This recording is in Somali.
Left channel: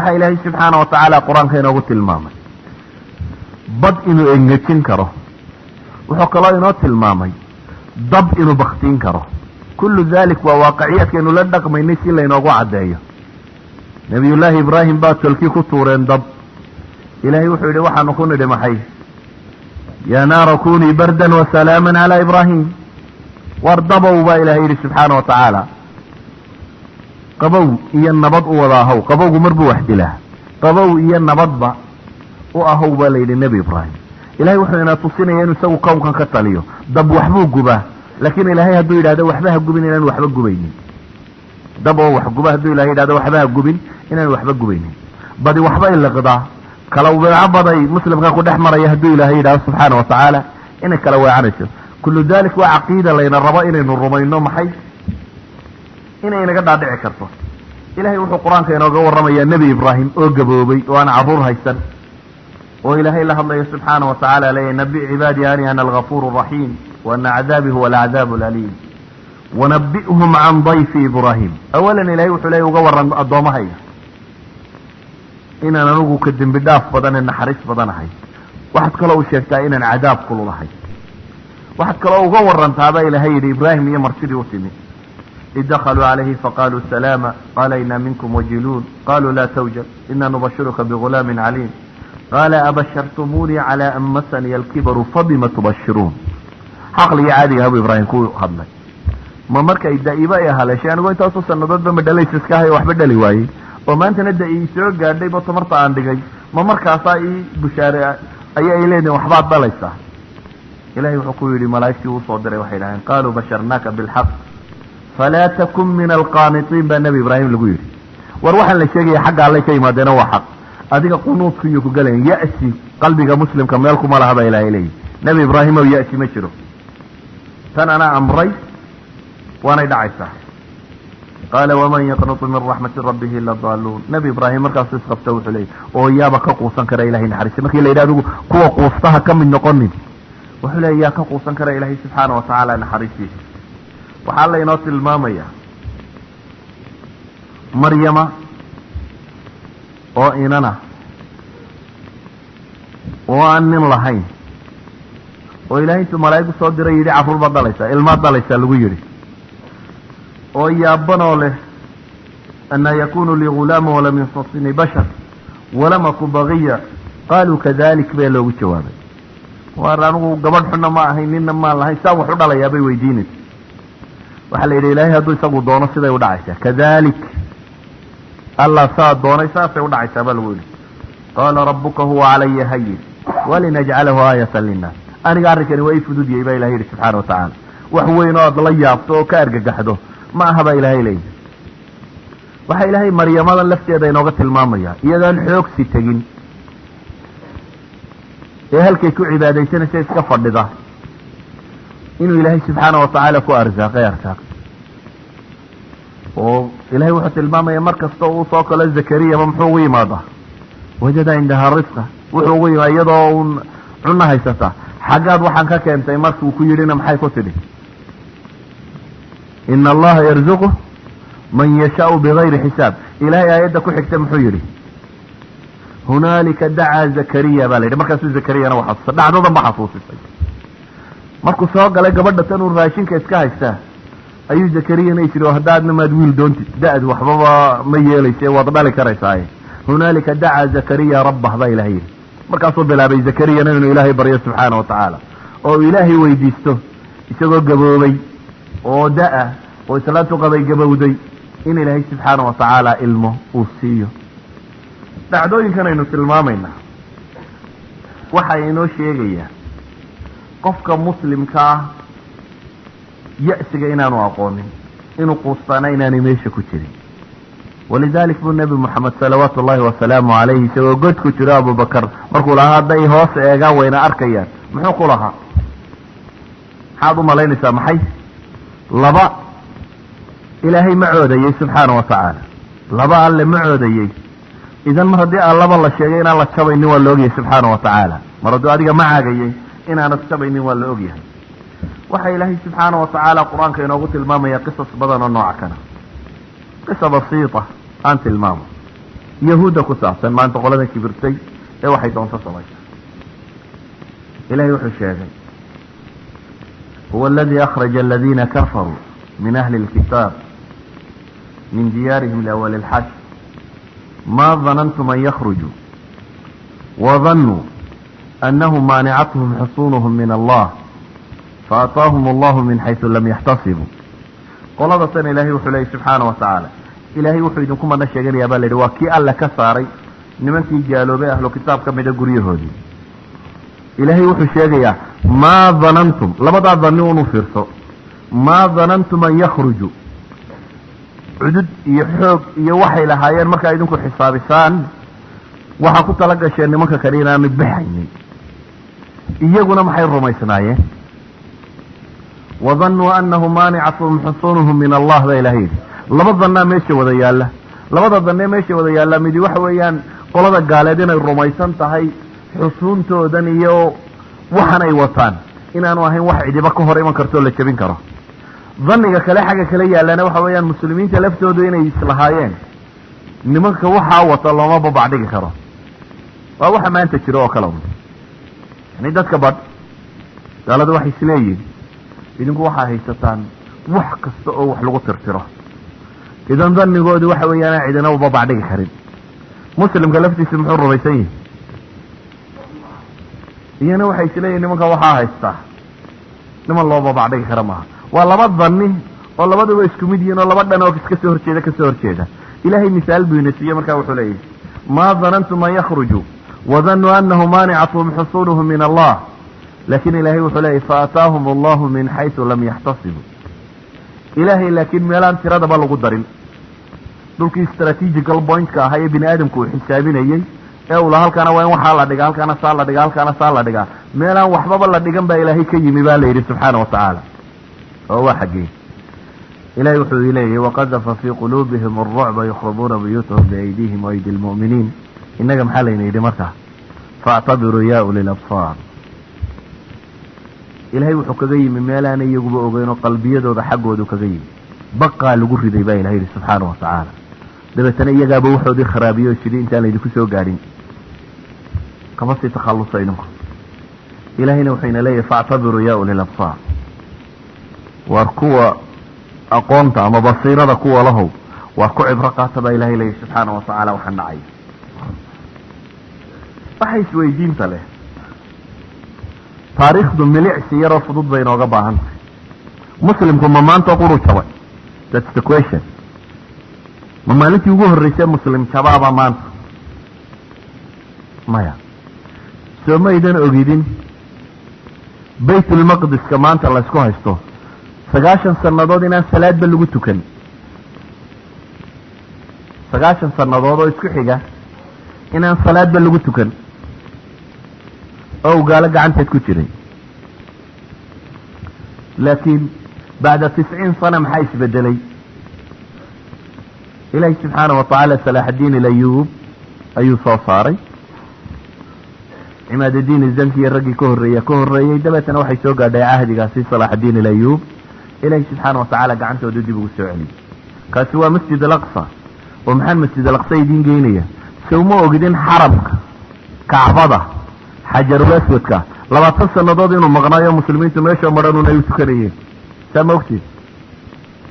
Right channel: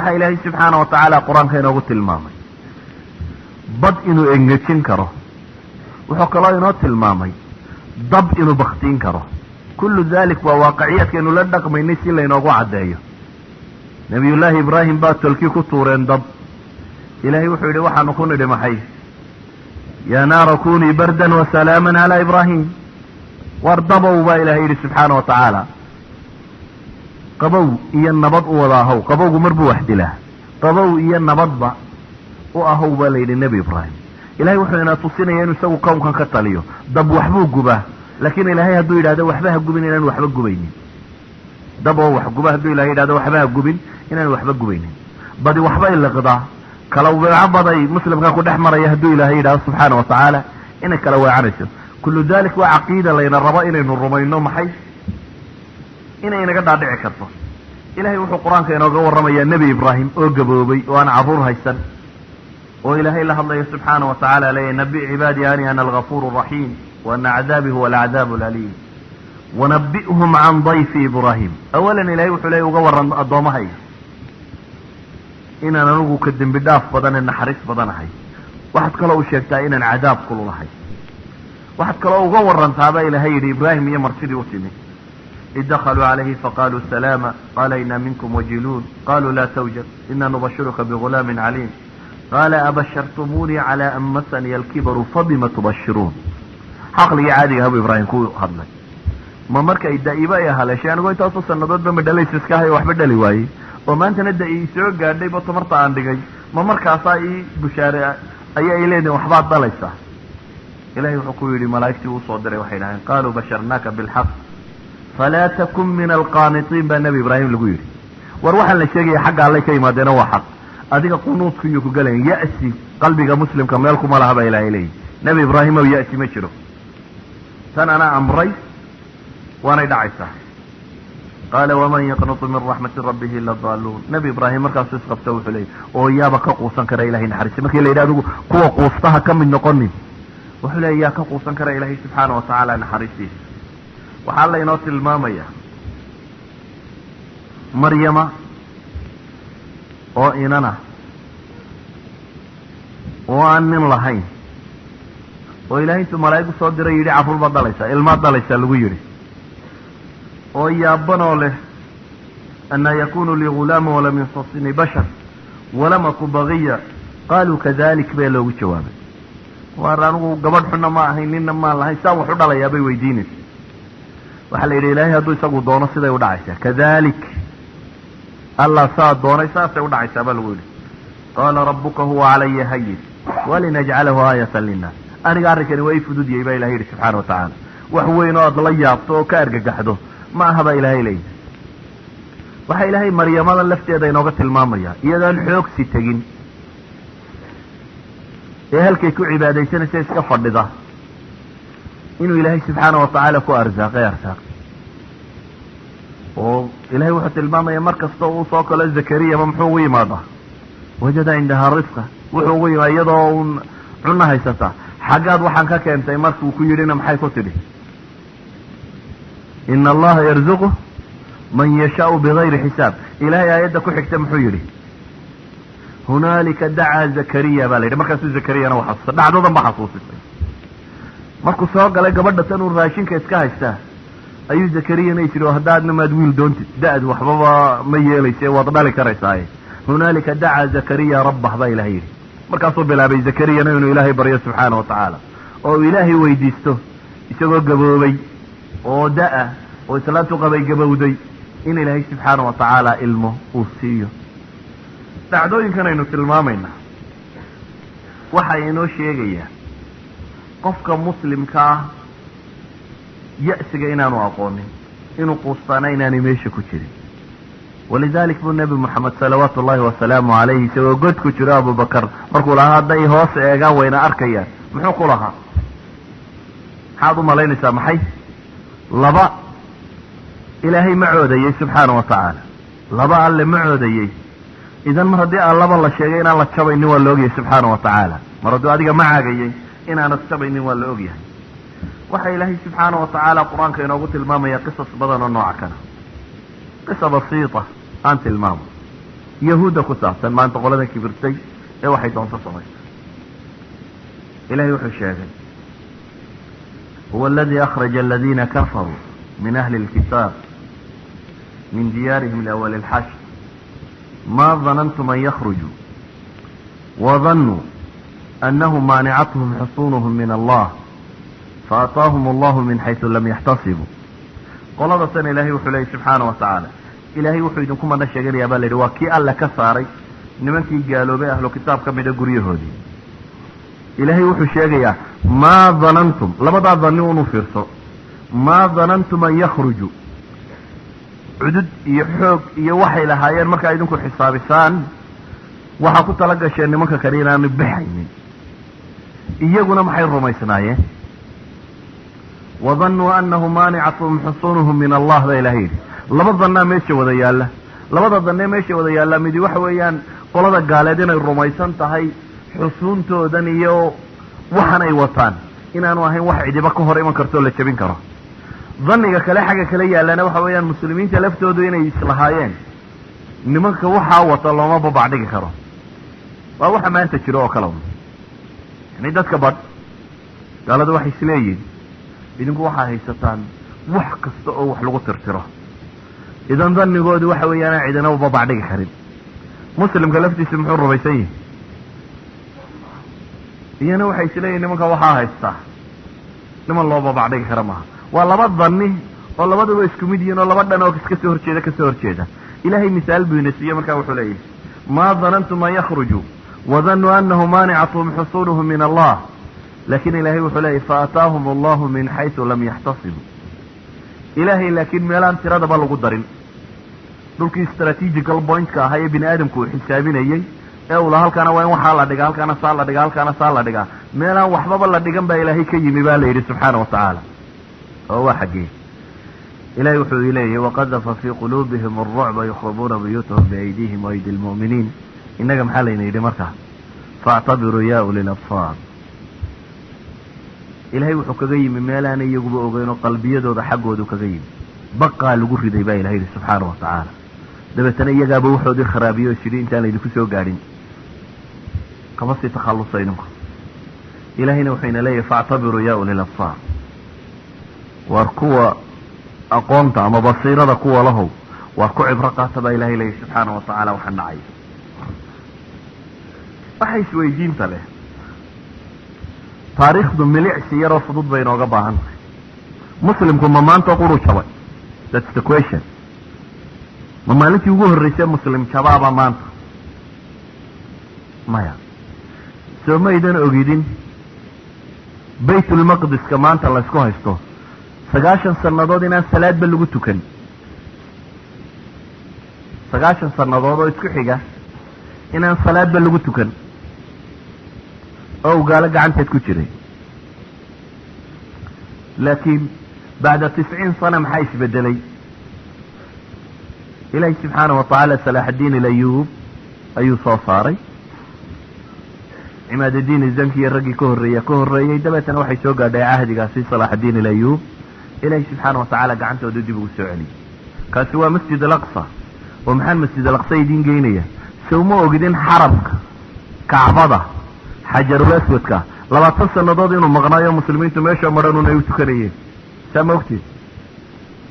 waxa ilaahay subxaanahu watacaala qur-aanka inoogu tilmaamay bad inuu engejin karo, wuxuu kaloo inoo tilmaamay dab inuu baktiin karo. kullu dalik waa waaqiciyadkaynu la dhaqmaynay si laynoogu caddeeyo. nabiyullaahi ibraahim baa tolkii ku tuureen dab. ilaahay wuxuu yidhi waxaanu ku nidhi maxay? yaa naara kunii bardan wasalaaman calaa ibraahim. war dabow baa ilaahay yidhi subxaana wa tacaala, qabow iyo nabad u wada ahow. qabowgu marbuu wax dilaa, qabow iyo nabadba u ahow baa layidhi nebi ibraahim. ilahay wuxuu inaa tusinaya inuu isagu qownkan ka taliyo. dab waxbuu gubaa, laakiin ilaahay hadduu yidhahdo waxba ha gubin inaan waxba gubaynin. dab oo wax guba hadduu ilahay yidhahdo waxba ha gubin inaan waxba gubaynin. badi waxbay liqdaa, kala weeco baday muslimka ku dhex maraya hadduu ilaahay yidhahdo subxaana wa tacaala inay kala weecanayso. kullu dalik waa caqiida layna rabo inaynu rumayno. maxay? inay inaga dhaadhici karto. ilahay wuxuu qur-aanka inooga warramayaa nebi ibraahim oo gaboobay oo aan carruur haysan, oo ilaahay la hadlayo subxaana wa tacaala leeyahy nabi cibaadii ani ana algafuur raxiim waana cadaabii huwa alcadaab alaliim wanabi'hum can dayfi ibraahim. awalan ilahay wuxuu leeyahy uga warran addoommahayga inaan anugu ka dembi dhaaf badan ee naxariis badanahay. waxaad kaloo u sheegtaa inaan cadaab kululahay. waxaad kaloo uga warantaabaa ilaahay yidhi ibraahim iyo marsidii u timi. id dakhaluu calayhi faqaaluu salaama qaala inaa minkum wajiluun qaluu laa tawjab inaa nubashiruka bigulaamin caliim qaala abashartumuunii calaa an masaniya alkibaru fabima tubashiruun. caqligii caadiga habuu ibraahim ku hadlay. ma markay da'iba ay haleeshay anigoo intaasu sannadoodba ma dhalaysa iska hayo waxba dhali waayey oo maantana da ii soo gaadhayba tamarta aan dhigay, ma markaasaa ii bushaare ayaa ay leedihin waxbaad dhalaysaa. ilahay wuxuu ku yidhi malaa'igtii uu soo diray waxay dhaheen qaaluu basharnaaka bilxaq falaa takun min alqaanitiin baa nebi ibraahim lagu yidhi. war waxaan la sheegaya xagga allay ka yimaadeena waa xaq, adiga qunuudku iyo ku galayan ya'si qalbiga muslimka meel kuma laha baa ilaahay leeyihi. nebi ibraahim ow ya'si ma jiro, tan anaa amray waanay dhacaysaa. qaala waman yaqnutu min raxmati rabbihi ila daaluun. nebi ibraahim markaasuu isqabta wuxuu leeyay oo yaaba ka quusan kara ilahay naxariista. markii la yidhi adigu kuwa quustaha ka mid noqonin, wuxuu leeya yaa ka quusan kara ilaahay subxaana wa tacaala naxariistiisa. waxaa laynoo tilmaamaya maryama oo inana oo aan nin lahayn, oo ilaahay intuu malaa'igu soo diray yidhi carruur baad dhalaysaa, ilmaad dhalaysaa lagu yidhi, oo yaabanoo leh anaa yakunu lii ghulaama walam yamsasnii bashar walam aku bagiya qaaluu kadalik bee loogu jawaabay. waar anigu gabadh xunna ma ahayn ninna maan lahayn, saa wax u dhalayaa bay weydiinaysa. waxaa la yidhi ilaahay hadduu isagu doono siday u dhacaysaa, kadalik allah saa doonay saasay u dhacaysaa baa lagu yidhi. qaala rabbuka huwa calaya hayin walinajcalahu aayatan linnaas. aniga arrinkani waa ii fududiyey baa ilahay yidhi subxaana wa tacaala. wax weyn oo aad la yaabto oo ka argagaxdo ma aha baa ilaahay leeyahy. waxaa ilaahay maryamadan lafteeda inooga tilmaamaya iyadaan xoogsi tegin ee halkay ku cibaadaysanaysa iska fadhida inuu ilaahay subxaana wa tacaala ku arsaaqay arsaaq. oo ilahay wuxuu tilmaamaya mar kasta uu soo kalo zakariyaba muxuu ugu yimaadaa wajada cindahaa risqa. wuxuu ugu yimaada iyadoo uun cunno haysata. xaggaad waxaan ka keentay markuu ku yidhina maxay ku tidhi? ina allaha yarzuqu man yashaau bigayri xisaab. ilahay aayadda ku xigta muxuu yidhi? hunaalika dacaa zakariya baa la yidhi. markaasuu zakariyana waa xasuusta, dhacdadan ba xasuusisay. markuu soo galay gabadha tan uu raashinka iska haystaa ayuu zakariyana is yidhi oo haddaadna maad wiil doontid da-du waxbaba ma yeelayse waad dhali karaysaaye. hunaalika dacaa zakariya rabbah baa ilahay yidhi. markaasuu bilaabay zakariyana inuu ilaahay baryo subxaana wa tacaala oo uu ilaahay weydiisto isagoo gaboobay oo da-a oo islaantu qabay gabowday in ilaahay subxaana wa tacaala ilmo uu siiyo. dhacdooyinkan aynu tilmaamaynaa waxay inoo sheegayaa qofka muslimka ah ya'siga inaanu aqoonin, inuu quustaana inaanay meesha ku jirin. walidalik buu nebi moxamed salawaatu ullaahi wasalaamu calayhi isagoo god ku jiro abubakar markuu lahaa hadday hoos eegaan wayna arkayaan, muxuu ku lahaa? maxaad u malaynaysaa? maxay? laba ilaahay ma coodayey subxaana wa tacaala, laba alle ma coodayey. idan mar haddii allaba la sheegay inaan la jabaynin waa la ogyahay subxaana wa tacaala. mar hadduu adiga ma caagayey inaanad jabaynin waa la ogyahay. waxaa ilaahay subxaana wa tacaala qur-aanka inoogu tilmaamaya qisas badan oo nooca kana. qisa basiita aan tilmaamo. yahuudda ku saabsan maanta qolada kibirtay ee waxay doonto samaysa ilahay wuxuu sheegay huwa aladii akhraja aladiina kafaruu min ahli اlkitaab min diyaarihim liawali اlxashr ma danantum an yakhrujuu wadanuu anahum maanicathm xusunuhum min allah faataahum allahu min xaysu lam yaxtasibuu qoladasan ilaahay wuxuu leeyay subxaana wa tacaala ilaahay wuxuu idinku madna sheeganayaa baa la yidhi waa kii alla ka saaray nimankii gaaloobay ahlu kitaab ka mida guryahoodii ilaahay wuxuu sheegayaa maa danantum labadaa danni unu fiirso maa danantum an yakhrujuu cudud iyo xoog iyo waxay lahaayeen markaa idinku xisaabisaan waxaa ku tala gasheen nimanka kale inaanu baxaynin iyaguna maxay rumaysnaayeen wadanuu anahu maanicathm xusunuhum min allah baa ilahay yidhi laba dannaa meesha wada yaalla labada danne meesha wada yaallaa midi waxa weeyaan qolada gaaleed inay rumaysan tahay xusuuntoodan iyo waxan ay wataan inaanu ahayn wax cidiba ka hor iman kartoo la jebin karo danniga kale xagga kale yaallana waxa weeyaan muslimiinta laftoodu inay islahaayeen nimanka waxaa wata looma babacdhigi karo waa waxa maanta jiro oo kale un yani dadka badh gaaladu waxay isleeyihin idinku waxaa haysataan wax kasta oo wax lagu tirtiro idan dannigoodu waxa weeyaan cidina u babacdhigi karin muslimka laftiisu muxuu rumaysan yihi iyana waxay isleeyihin nimanka waxaa haystaa niman loo babacdhigi kara maaha waa laba danni oo labaduba isku mid yihiin oo laba dhan oo iska soo horjeeda ilaahay misaal buu ina siiye markaa wuxuu leeyahay maa danantum an yakhrujuu wadanuu anahu maanicathm xusunuhum min allah laakiin ilaahay wuxuu leeyahy faataahum allahu min xaysu lam yaxtasibuu ilaahay laakiin meelaan tiradaba lagu darin dhulkii strategical pointka ahaa ee bini aadamku uu xisaabinayey ee ula halkaana waa in waxaa la dhigaa halkaana saa la dhigaa halkaana saa la dhigaa meelaan waxbaba la dhigan baa ilaahay ka yimi baa la yidhi subxaana wa tacaala oo waa xaggee ilahay wuxuu leeyahy waqadafa fii quluubihim alrucba yukhribuuna buyuutahum biaydiihim waaydi lmu'miniin innaga maxaa layna yidhi markaa faactabiruu ya uli labsaar ilahay wuxuu kaga yimi meelaana iyaguba ogeyn oo qalbiyadooda xaggoodu kaga yimi baqaa lagu riday baa ilahay yidhi subxaana wa tacaala dabeetana iyagaaba waxoodii kharaabiyo o sidhi intaan laydinku soo gaadhin kama sii takhallusayno ilahayna wuxuu ina leeyahay faactabiruu ya uli labsaar waar kuwa aqoonta ama basiirada kuwa lahow waar ku cibro qaata baa ilahay leeyahy subxaana wa tacaala waxaan dhacay waxa isweydiinta leh taariikhdu milicsi yaroo fudud bay inooga baahan tahay muslimku ma maanta quru jabay that's the question ma maalintii ugu horreysay muslim jabaaba maanta maya soo maydan ogidin baytulmaqdiska maanta laysku haysto 90 sannadood inaan salaadba lagu tukan 90 sannadood oo isku xiga inaan salaadba lagu tukan oo gaalo gacanteed ku jiray laakiin bacda 90 sana maxaa isbedelay ilaahi subxaana wa tacaala salaaxaddiin ilayuub ayuu soo saaray cimaadadiin izankiiyo raggii ka horreeyey dabeetana waxay soo gaadhay cahdigaasi salaaxaddiin ilayuub ilaahi subxaana wa tacaala gacantooda dib ugu soo celiyey kaasi waa masjid alaqsa oo maxaan masjid alaqsa idiin geynaya sawma ogidin xarabka kacbada xajarul aswadka 20 sannadood inuu maqnaayo muslimiintu meesha madhanun ay u tukanayeen saa ma ogtid